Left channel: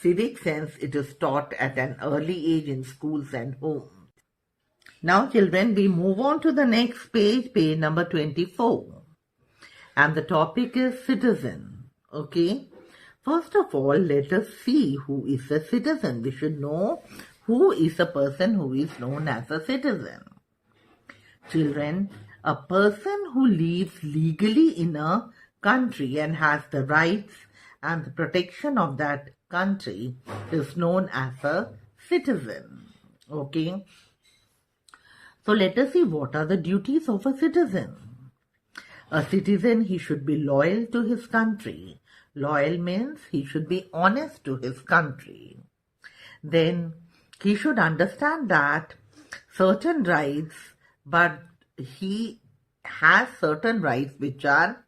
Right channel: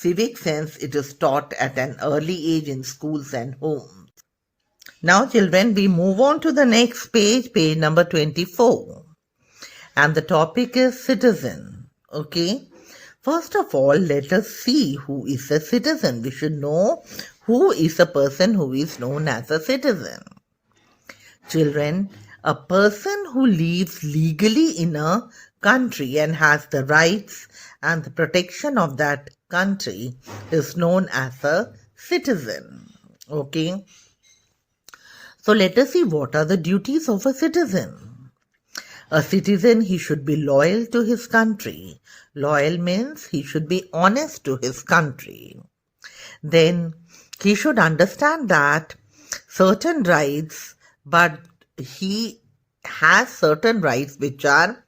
civic sense, it is taught at an early age in schools and homes. Now, children, we move on to the next page, page number 24. And the topic is citizen. Okay. First of all, let us see who is a citizen. We should know who is a person who is known as a citizen. Children, a person who lives legally in a country and has the rights and the protection of that country is known as a citizen. Okay. So let us see what are the duties of a citizen. A citizen, he should be loyal to his country. Loyal means he should be honest to his country. Then he should understand that certain rights, but he has certain rights which are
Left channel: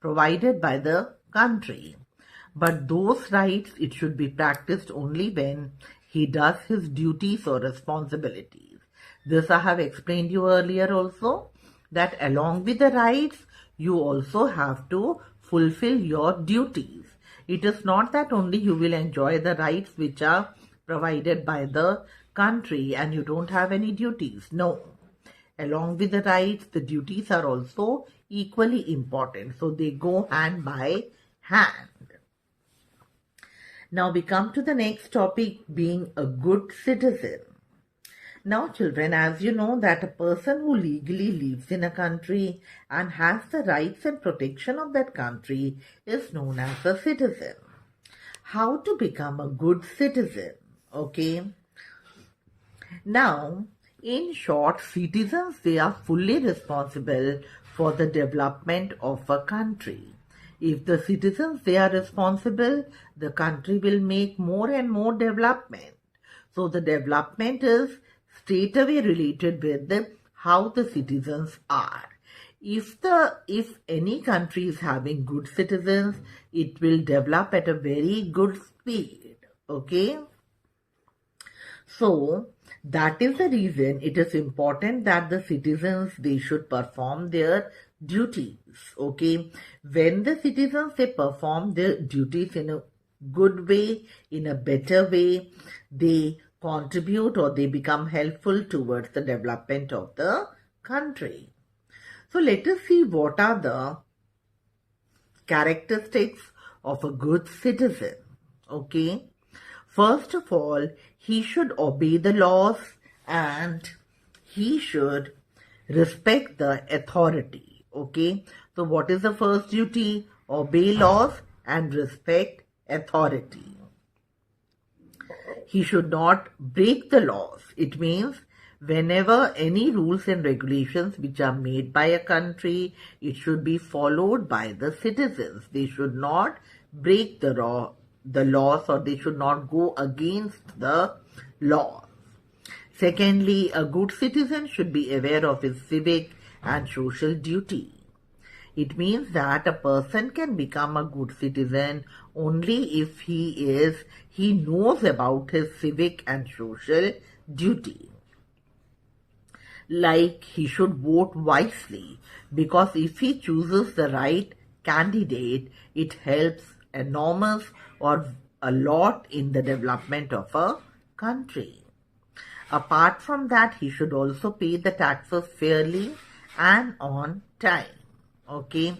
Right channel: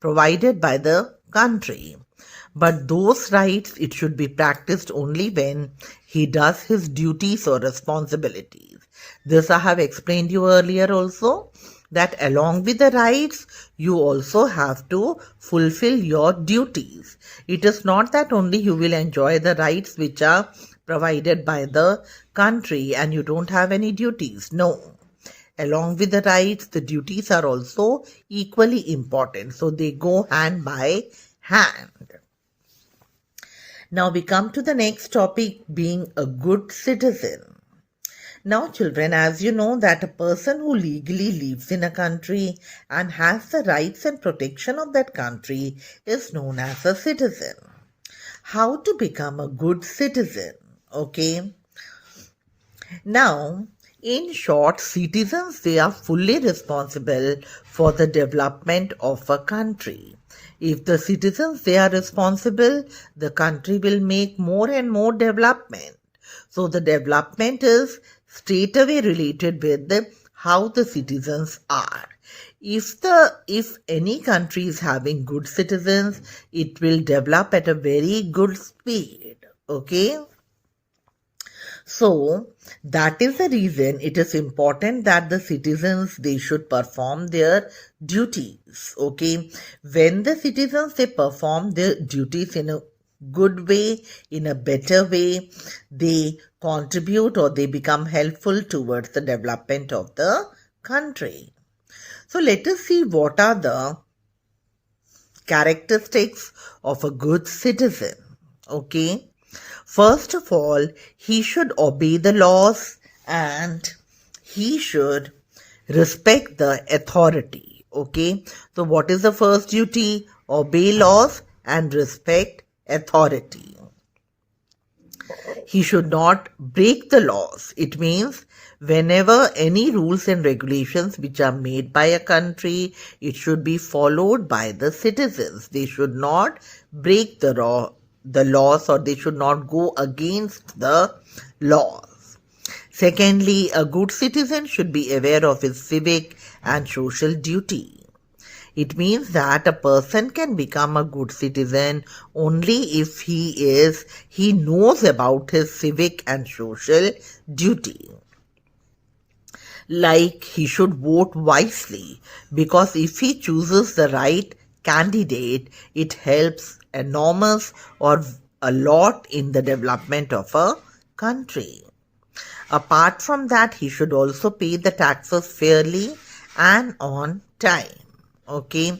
provided by the country. But those rights, it should be practiced only when he does his duties or responsibilities. This I have explained you earlier also, that along with the rights, you also have to fulfill your duties. It is not that only you will enjoy the rights which are provided by the country and you don't have any duties. No. Along with the rights, the duties are also equally important. So they go hand by hand. Now we come to the next topic, being a good citizen. Now, children, as you know that a person who legally lives in a country and has the rights and protection of that country is known as a citizen. How to become a good citizen? Okay. Now, in short, citizens, they are fully responsible for the development of a country. If the citizens, they are responsible, the country will make more and more development. So the development is straightaway related with how the citizens are. If any country is having good citizens, it will develop at a very good speed. Okay. So that is the reason it is important that the citizens, they should perform their duties. Okay. When the citizens, they perform their duties in a good way, in a better way, they contribute or they become helpful towards the development of the country. So let us see what are the characteristics of a good citizen. Okay. First of all, he should obey the laws and he should respect the authority. Okay. So what is the first duty? Obey laws and respect authority. He should not break the laws. It means whenever any rules and regulations which are made by a country, it should be followed by the citizens. They should not break the laws or they should not go against the laws. Secondly, a good citizen should be aware of his civic and social duty. It means that a person can become a good citizen only if he knows about his civic and social duty. Like he should vote wisely, because if he chooses the right candidate, it helps enormous or a lot in the development of a country. Apart from that, he should also pay the taxes fairly and on time. Okay,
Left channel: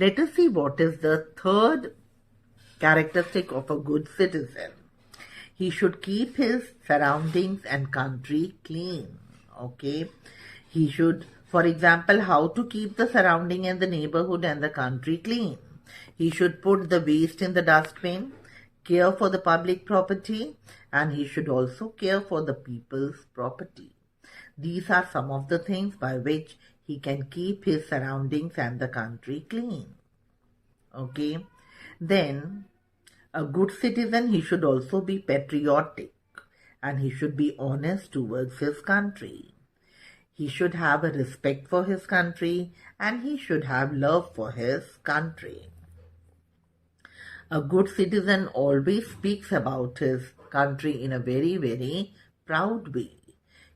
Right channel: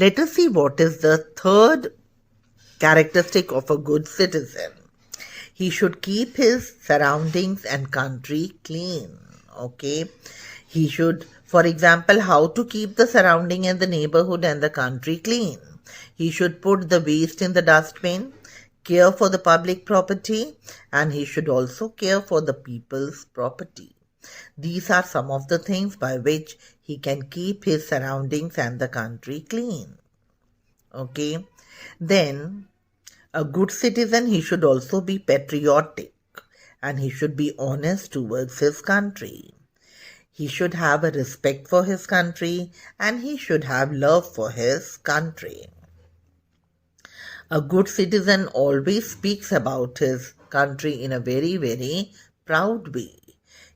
let us see what is the third characteristic of a good citizen. He should keep his surroundings and country clean. Okay, he should, for example, how to keep the surrounding and the neighborhood and the country clean. He should put the waste in the dustbin, care for the public property, and he should also care for the people's property. These are some of the things by which he can keep his surroundings and the country clean. Okay. Then, a good citizen, he should also be patriotic and he should be honest towards his country. He should have a respect for his country and he should have love for his country. A good citizen always speaks about his country in a very, very proud way.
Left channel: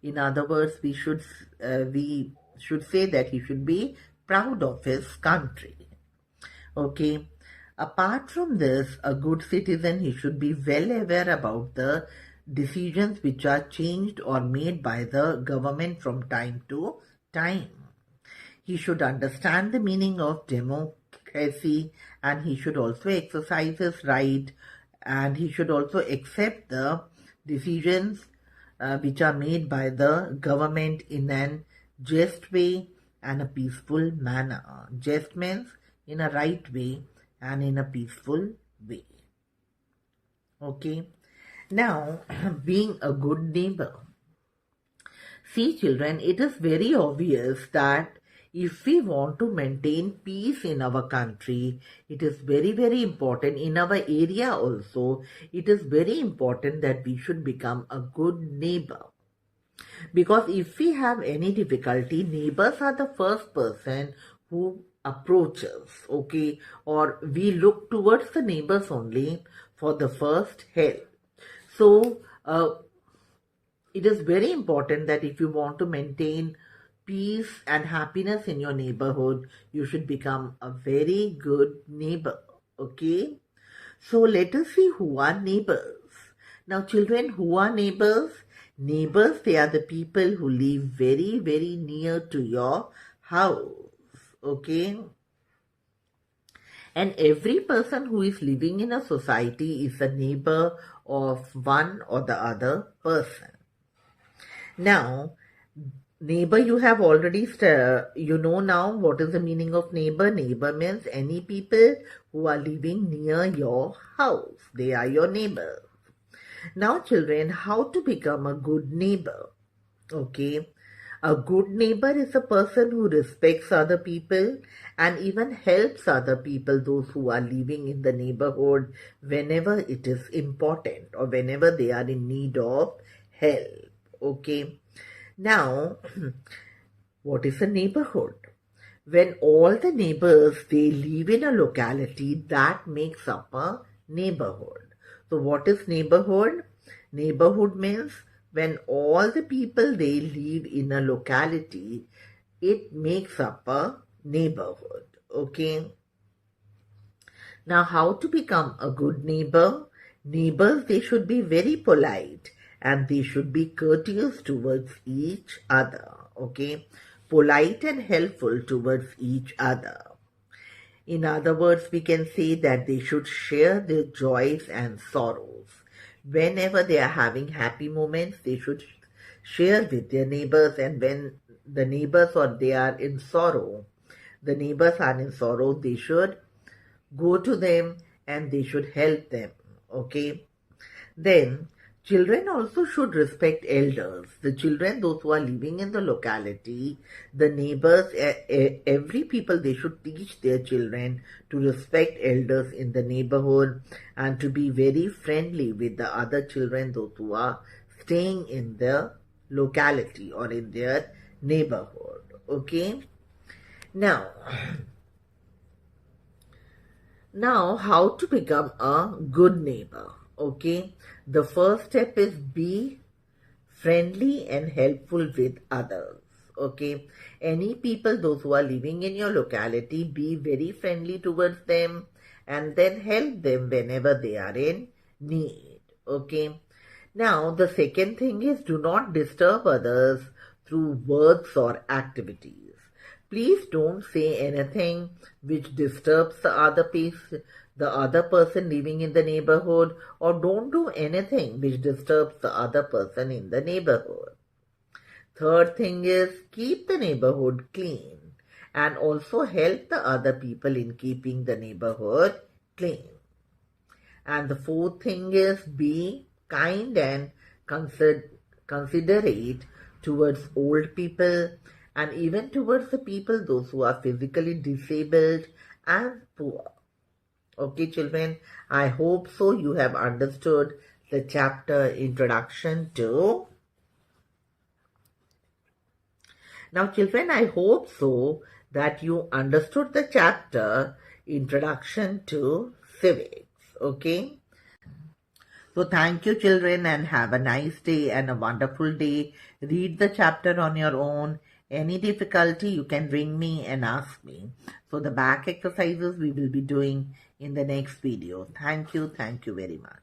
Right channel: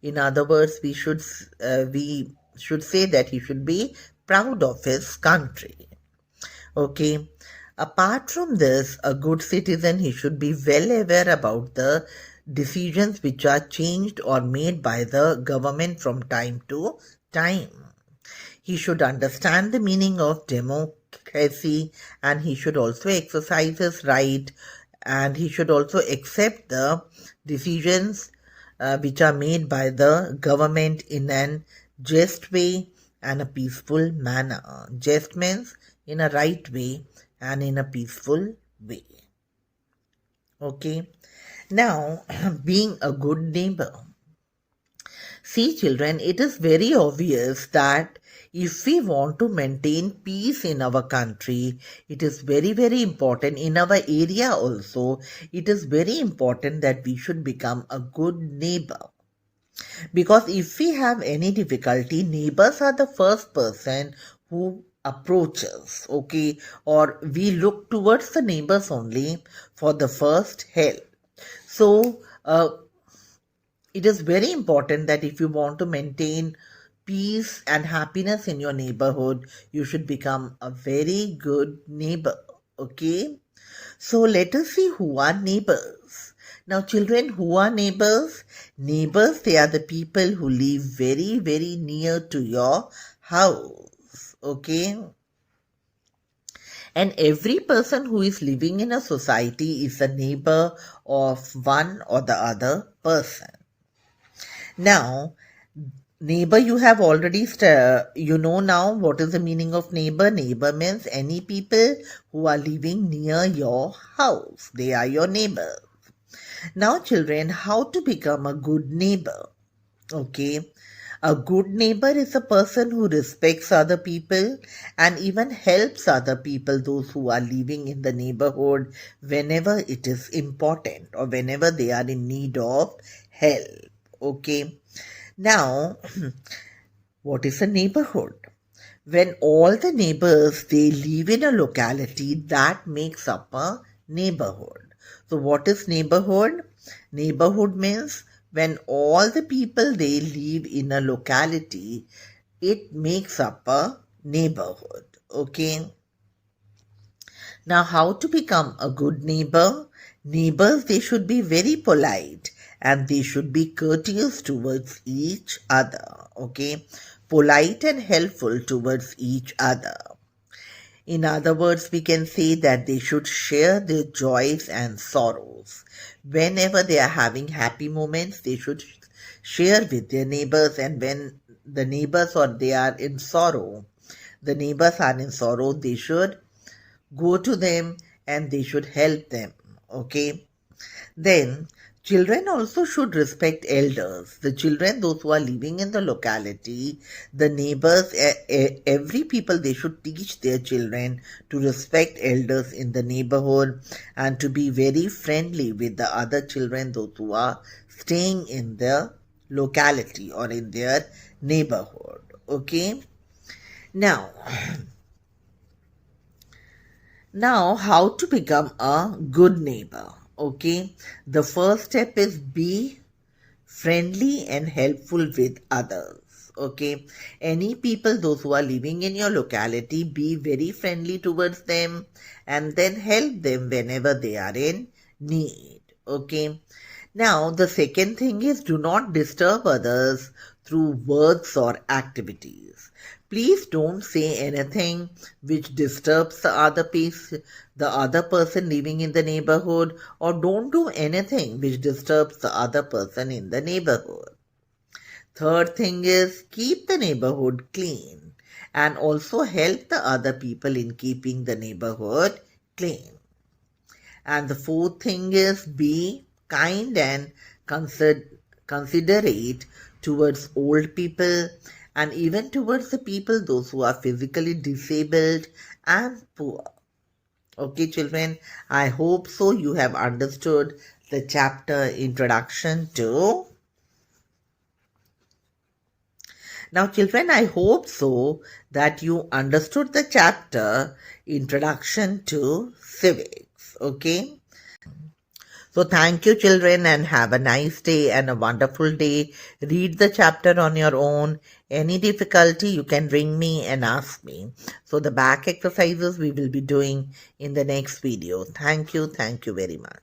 In other words, we should say that he should be proud of his country. Okay. Apart from this, a good citizen, he should be well aware about the decisions which are changed or made by the government from time to time. He should understand the meaning of democracy, and he should also exercise his right, and he should also accept the decisions which are made by the government in an just way and a peaceful manner. Just means in a right way and in a peaceful way. Okay. Now, being a good neighbor. See, children, it is very obvious that if we want to maintain peace in our country, it is very, very important. In our area also, it is very important that we should become a good neighbor. Because if we have any difficulty, neighbors are the first person who approaches, okay, or we look towards the neighbors only for the first help. So, it is very important that if you want to maintain peace and happiness in your neighborhood, you should become a very good neighbor. Okay? So let us see who are neighbors. Now, children, who are neighbors? Neighbors, they are the people who live very, very near to your house. Okay? And every person who is living in a society is a neighbor of one or the other person. Now, neighbor, you have already, you know now what is the meaning of neighbor. Neighbor means any people who are living near your house. They are your neighbors. Now, children, how to become a good neighbor? Okay. A good neighbor is a person who respects other people and even helps other people, those who are living in the neighborhood, whenever it is important or whenever they are in need of help. Okay. Now, what is a neighborhood? When all the neighbors, they live in a locality, that makes up a neighborhood. So what is neighborhood? Neighborhood means when all the people, they live in a locality, it makes up a neighborhood. Okay. Now, how to become a good neighbor? Neighbors, they should be very polite and they should be courteous towards each other. Okay. Polite and helpful towards each other. In other words, we can say that they should share their joys and sorrows. Whenever they are having happy moments, they should share with their neighbors, and when the neighbors or they are in sorrow, the neighbors are in sorrow, they should go to them and they should help them. Okay. Then children also should respect elders. The children, those who are living in the locality, the neighbors, every people, they should teach their children to respect elders in the neighborhood and to be very friendly with the other children, those who are staying in the locality or in their neighborhood. Okay. Now, how to become a good neighbor? Okay, the first step is be friendly and helpful with others. Okay, any people, those who are living in your locality, be very friendly towards them and then help them whenever they are in need. Okay, now the second thing is do not disturb others through words or activities. Please don't say anything which disturbs the other person living in the neighborhood, or don't do anything which disturbs the other person in the neighborhood. Third thing is keep the neighborhood clean and also help the other people in keeping the neighborhood clean. And the fourth thing is be kind and considerate towards old people and even towards the people, those who are physically disabled and poor. Okay, children, I hope so you have understood the chapter Introduction to. Now, children, I hope so that you understood the chapter Introduction to Civics. Okay. So thank you, children, and have a nice day and a wonderful day. Read the chapter on your own. Any difficulty, you can ring me and ask me. So the back exercises we will be doing in the next video. Thank you very much.